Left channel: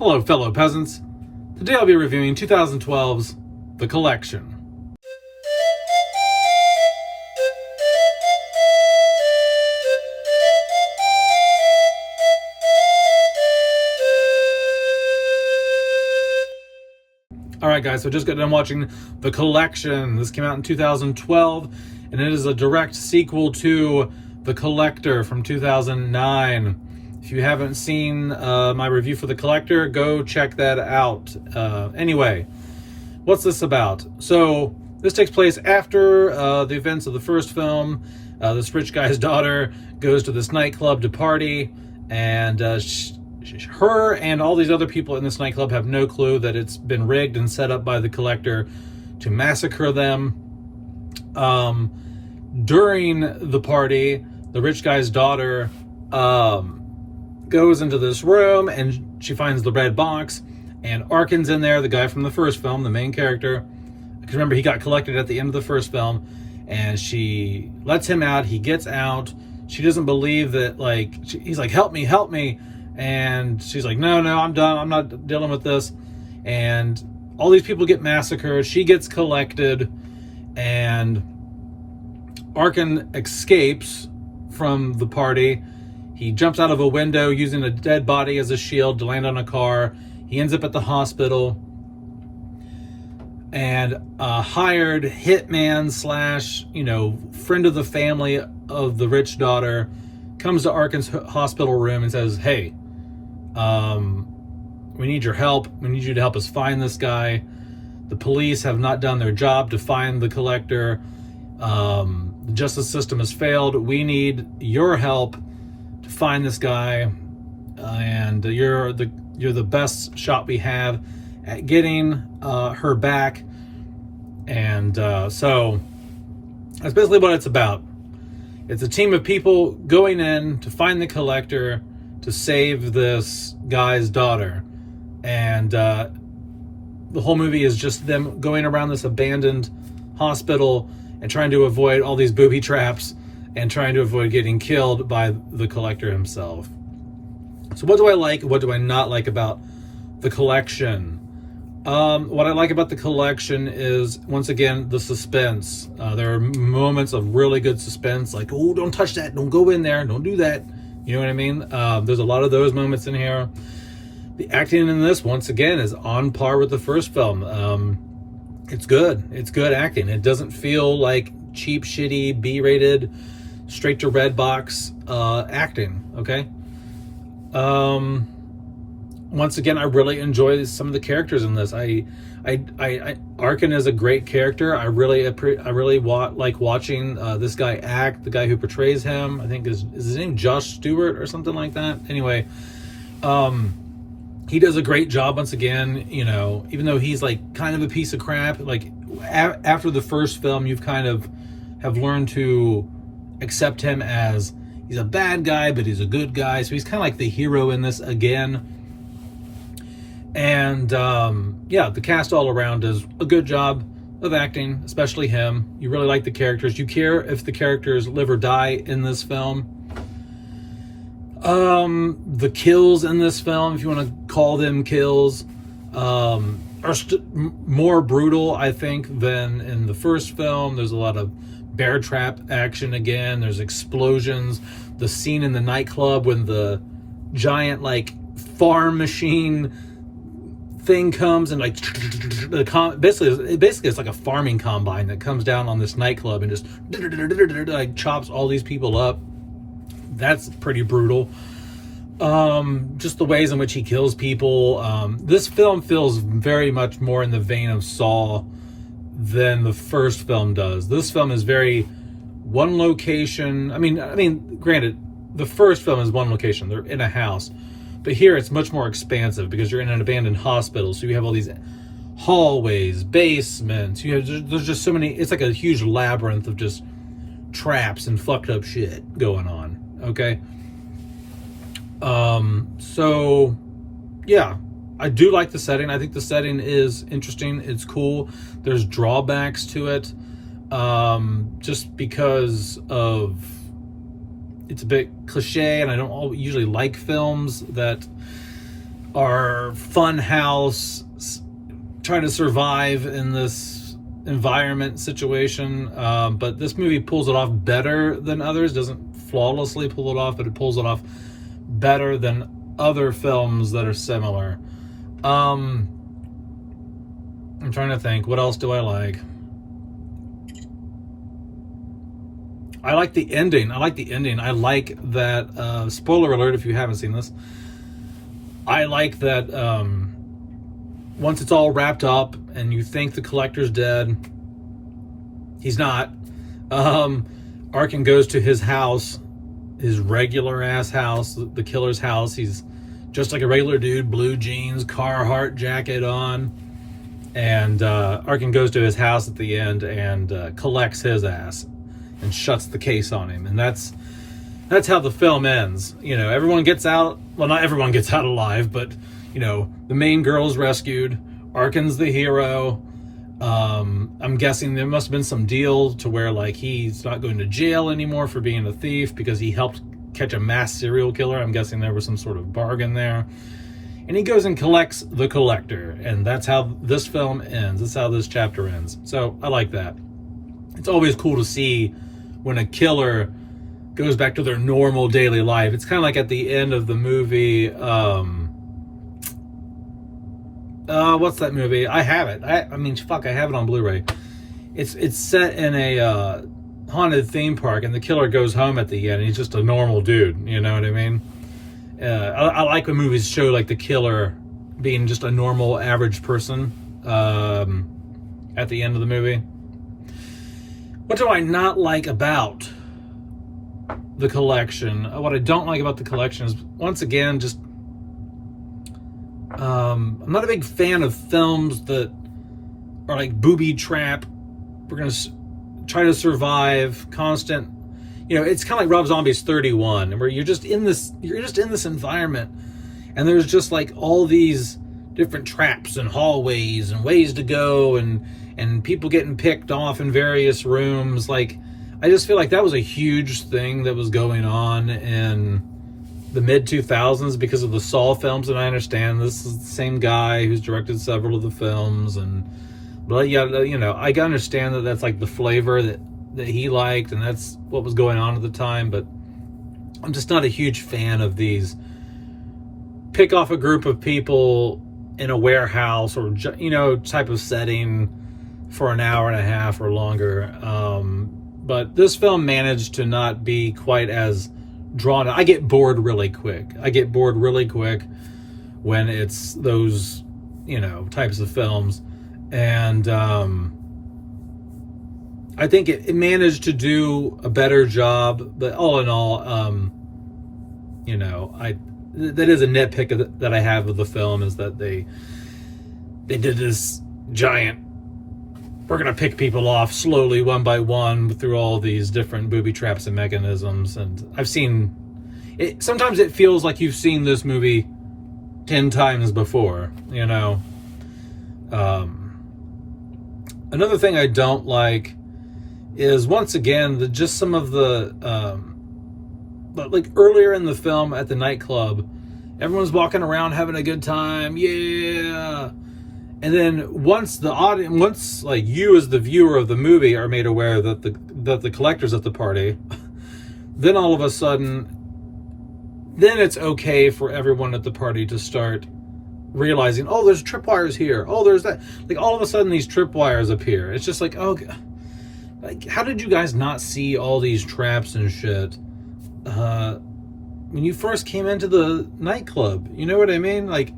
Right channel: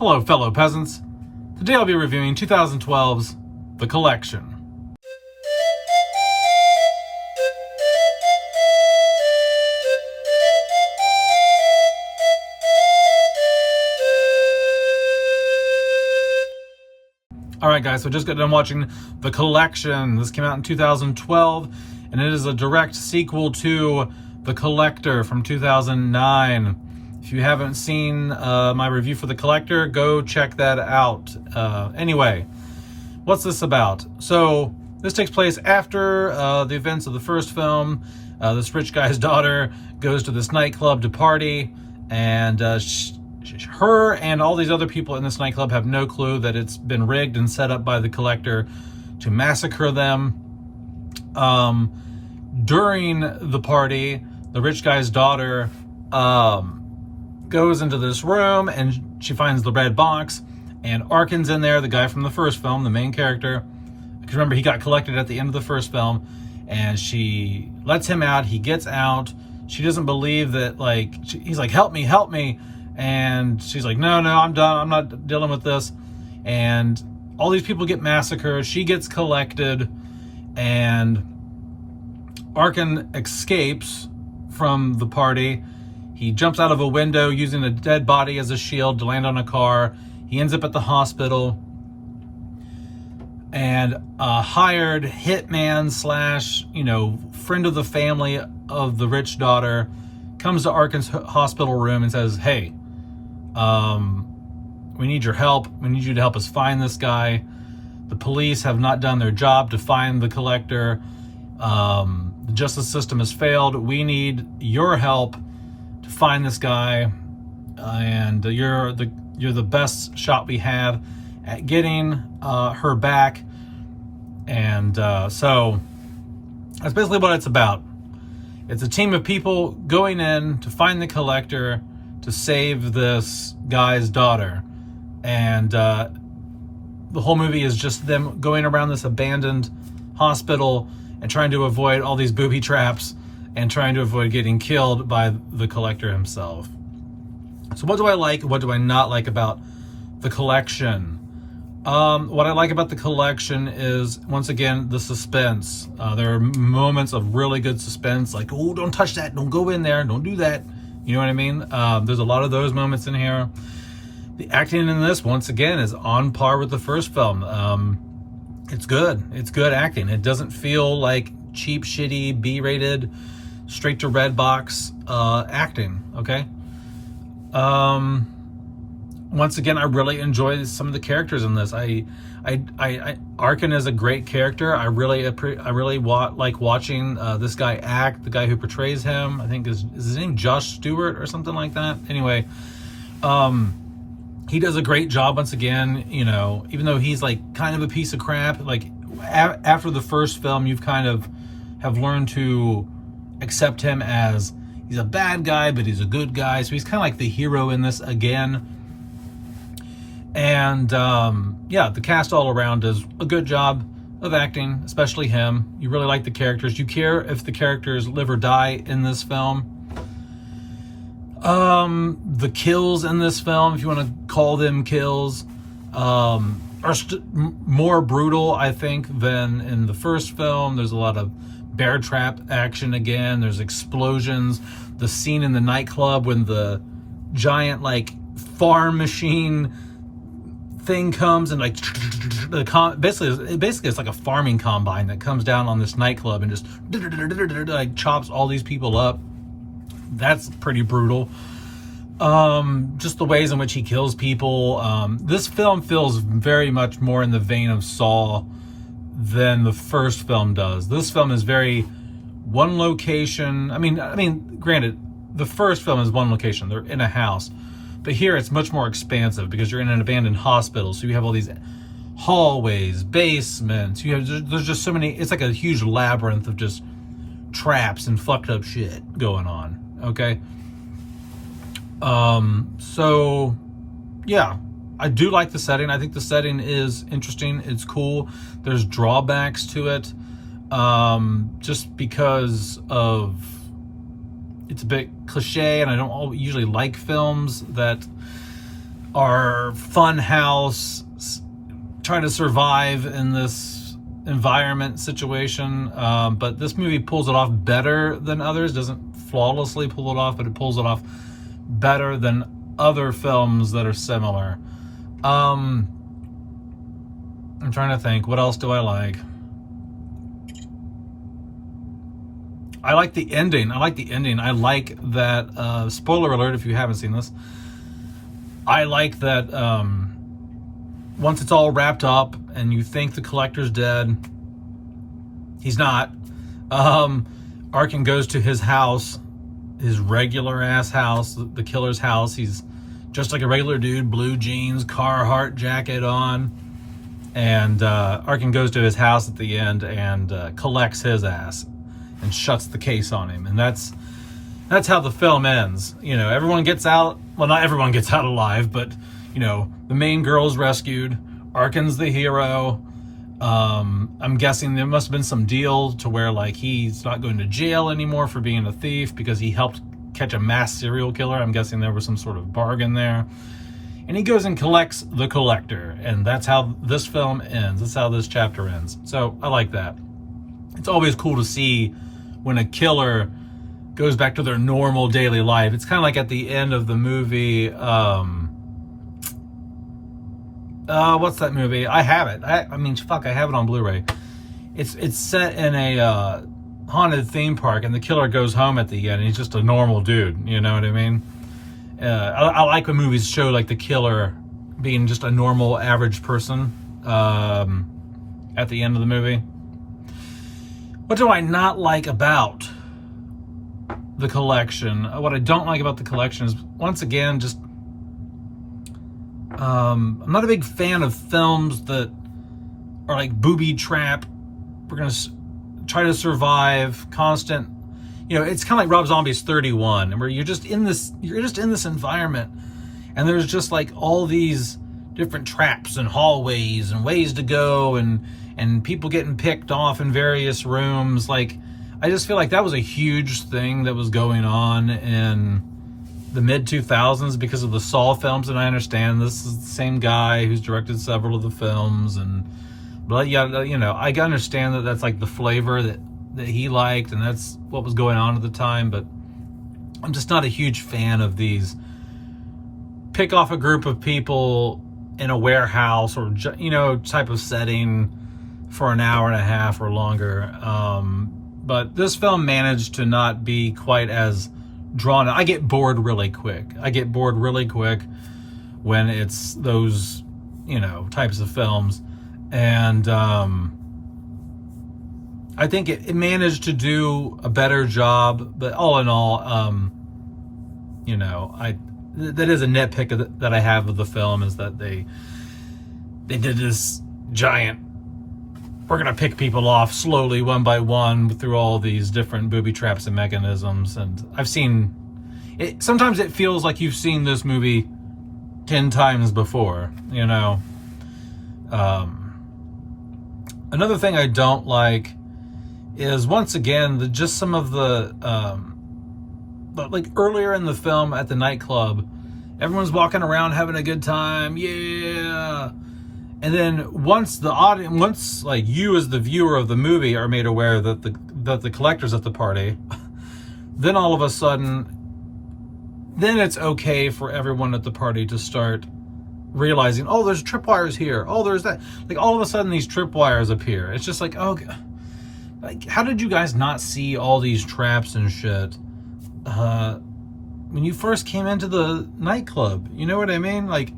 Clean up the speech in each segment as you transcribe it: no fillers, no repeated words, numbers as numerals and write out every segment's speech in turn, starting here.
Hello, fellow peasants. Today I'll be reviewing 2012's The Collection. Alright guys, so just got done watching The Collection. This came out in 2012, and it is a direct sequel to The Collector from 2009. If you haven't seen my review for The Collector, go check that out. Anyway, what's this about? So, this takes place after the events of the first film. This rich guy's daughter goes to this nightclub to party, and her and all these other people in this nightclub have no clue that it's been rigged and set up by the Collector to massacre them. During the party, the rich guy's daughter goes into this room and she finds the red box, and Arkin's in there, the guy from the first film, the main character. Because remember, he got collected at the end of the first film, and she lets him out. He gets out. She doesn't believe that, he's like, help me. And she's like, no, I'm done. I'm not dealing with this. And all these people get massacred. She gets collected, and Arkin escapes from the party. He jumps out of a window using a dead body as a shield to land on a car. He ends up at the hospital. And a hired hitman / friend of the family of the rich daughter comes to Arkin's hospital room and says, hey, we need your help. We need you to help us find this guy. The police have not done their job to find the Collector. The justice system has failed. We need your help to find this guy, and you're the best shot we have at getting her back. And so that's basically what it's about. It's a team of people going in to find the Collector to save this guy's daughter. And the whole movie is just them going around this abandoned hospital and trying to avoid all these booby traps and trying to avoid getting killed by the Collector himself. So what do I like? What do I not like about The Collection? What I like about The Collection is, once again, the suspense. There are moments of really good suspense, like, oh, don't touch that, don't go in there, don't do that. You know what I mean? There's a lot of those moments in here. The acting in this, once again, is on par with the first film. It's good. It's good acting. It doesn't feel like cheap, shitty, B-rated, straight to red box acting. Okay. Once again, I really enjoy some of the characters in this. Arkin is a great character. I really like watching this guy act. The guy who portrays him, I think is his name Josh Stewart or something like that. Anyway, he does a great job once again. Even though he's like kind of a piece of crap, like after the first film, you've kind of have learned to accept him as he's a bad guy, but he's a good guy. So he's kind of like the hero in this again. And the cast all around does a good job of acting, especially him. You really like the characters. You care if the characters live or die in this film. The kills in this film, if you want to call them kills, are more brutal, I think, than in the first film. There's a lot of bear trap action again. There's explosions. The scene in the nightclub when the giant farm machine thing comes and basically it's like a farming combine that comes down on this nightclub and just chops all these people up. That's pretty brutal. Just the ways in which he kills people. This film feels very much more in the vein of Saw than the first film does. This film is very one location. I mean, granted, the first film is one location. They're in a house. But here it's much more expansive because you're in an abandoned hospital. So you have all these hallways, basements. There's just so many. It's like a huge labyrinth of just traps and fucked up shit going on. Okay. So yeah, I do like the setting. I think the setting is interesting. It's cool. There's drawbacks to it. Just because of it's a bit cliche, and I don't usually like films that our fun house, try to survive in this environment situation. But this movie pulls it off better than others. Doesn't flawlessly pull it off, but it pulls it off better than other films that are similar. I'm trying to think, what else do I like? I like the ending. I like that, spoiler alert if you haven't seen this, I like that once it's all wrapped up and you think the collector's dead, he's not. Arkin goes to his house, his regular ass house, the killer's house. He's just like a regular dude, blue jeans, Carhartt jacket on. And Arkin goes to his house at the end and collects his ass and shuts the case on him. And that's how the film ends. You know, everyone gets out. Well, not everyone gets out alive, but, you know, the main girl's rescued. Arkin's the hero. I'm guessing there must have been some deal to where, like, he's not going to jail anymore for being a thief because he helped catch a mass serial killer. I'm guessing there was some sort of bargain there. And he goes and collects the collector. And that's how this film ends. That's how this chapter ends. So I like that. It's always cool to see when a killer goes back to their normal daily life. It's kind of like at the end of the movie, what's that movie? I have it. I have it on Blu-ray. It's set in a haunted theme park, and the killer goes home at the end, and he's just a normal dude. You know what I mean? I like when movies show like the killer being just a normal, average person at the end of the movie. What do I not like about the collection? What I don't like about the collection is, once again, just I'm not a big fan of films that are like booby trap. We're gonna try to survive, constant. You know, it's kind of like Rob Zombie's 31, where you're just in this environment, and there's just like all these different traps and hallways and ways to go, and people getting picked off in various rooms. Like, I just feel like that was a huge thing that was going on in the mid-2000s because of the Saw films, and I understand this is the same guy who's directed several of the films, but yeah, you know, I understand that that's like the flavor that he liked, and that's what was going on at the time, but I'm just not a huge fan of these pick off a group of people in a warehouse or, you know, type of setting for an hour and a half or longer. But this film managed to not be quite as drawn out. I get bored really quick when it's those, you know, types of films. And I think it managed to do a better job. But all in all, you know, that is a nitpick that I have of the film, is that they did this giant, we're going to pick people off slowly one by one through all these different booby traps and mechanisms. And I've seen it. Sometimes it feels like you've seen this movie 10 times before, you know. Another thing I don't like is, once again, just some of the, like earlier in the film at the nightclub, everyone's walking around having a good time. Yeah. And then once the audience, once like you as the viewer of the movie are made aware that the collector's at the party, then all of a sudden, then it's okay for everyone at the party to start realizing, oh, there's tripwires here. Oh, there's that. Like, all of a sudden these tripwires appear. It's just like, oh, like, how did you guys not see all these traps and shit when you first came into the nightclub? You know what I mean? Like,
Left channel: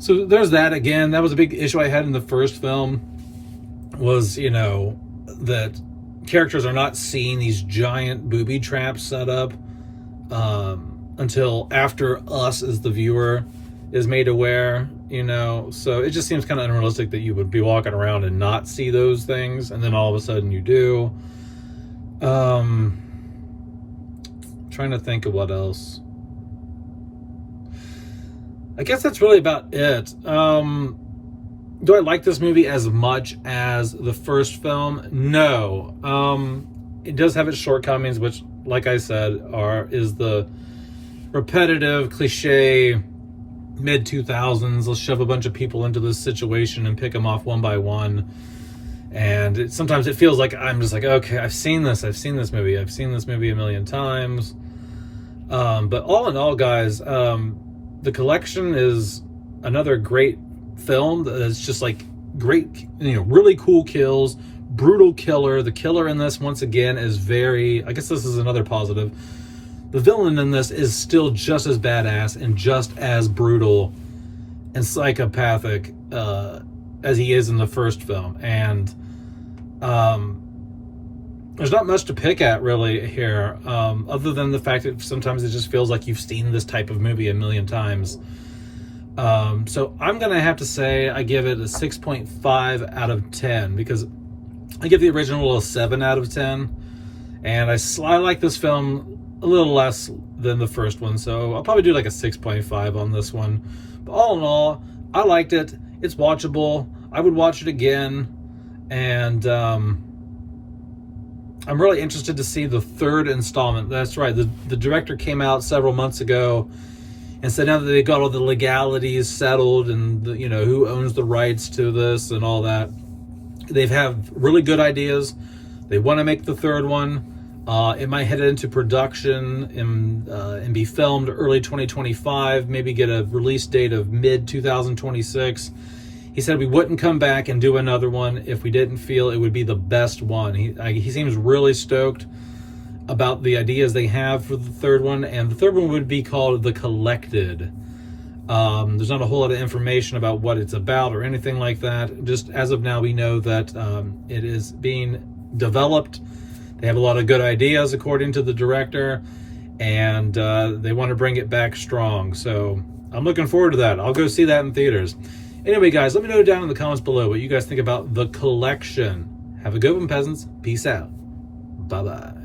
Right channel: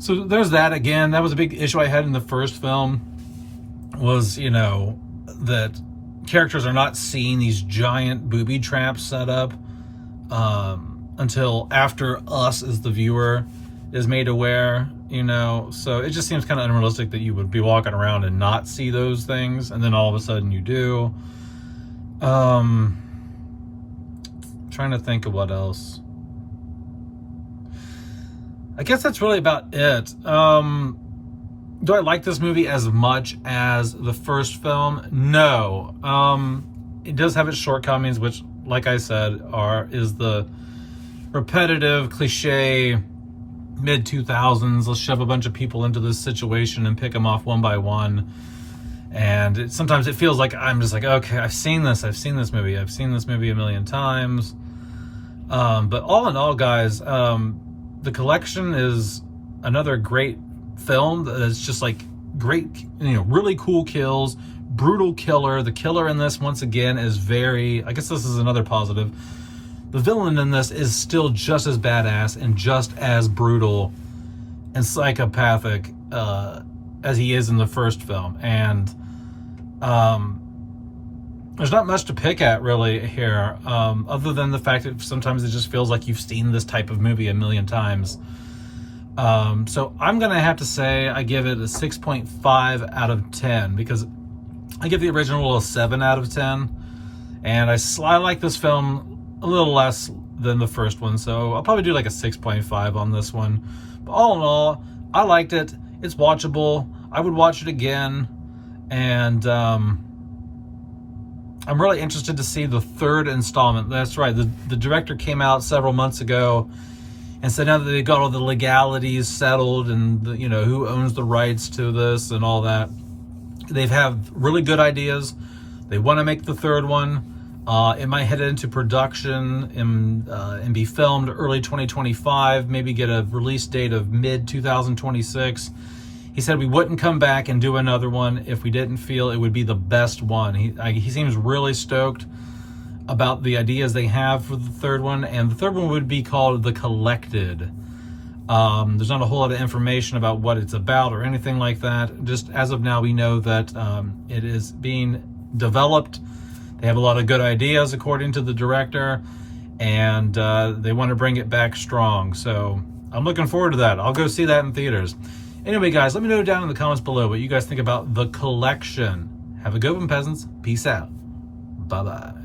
so there's that. Again, that was a big issue I had in the first film, was, you know, that characters are not seeing these giant booby traps set up until after us as the viewer is made aware, you know. So it just seems kind of unrealistic that you would be walking around and not see those things, and then all of a sudden you do. Trying to think of what else. I guess that's really about it. Do I like this movie as much as the first film? No. It does have its shortcomings, which, like I said, is the repetitive, cliche mid-2000s. Let's shove a bunch of people into this situation and pick them off one by one. And sometimes it feels like I'm just like, okay, I've seen this movie a million times. But all in all, guys, The Collection is another great film that's just like great, really cool kills, brutal killer. The killer in this, once again, is very, I guess this is another positive. The villain in this is still just as badass and just as brutal and psychopathic as he is in the first film. And there's not much to pick at really here, other than the fact that sometimes it just feels like you've seen this type of movie a million times. So I'm gonna have to say I give it a 6.5 out of 10, because I give the original a 7 out of 10, and I like this film a little less than the first one, so I'll probably do like a 6.5 on this one. But all in all, I liked it. It's watchable. I would watch it again, and I'm really interested to see the third installment. That's right, the director came out several months ago and said now that they got all the legalities settled and who owns the rights to this and all that, they have really good ideas. They want to make the third one. It might head into production and be filmed early 2025, maybe get a release date of mid-2026. He said we wouldn't come back and do another one if we didn't feel it would be the best one. He seems really stoked about the ideas they have for the third one, and the third one would be called The Collected. There's not a whole lot of information about what it's about or anything like that. Just as of now, we know that it is being developed. They have a lot of good ideas, according to the director, and they want to bring it back strong. So I'm looking forward to that. I'll go see that in theaters. Anyway, guys, let me know down in the comments below what you guys think about The Collection. Have a good one, peasants. Peace out. Bye-bye.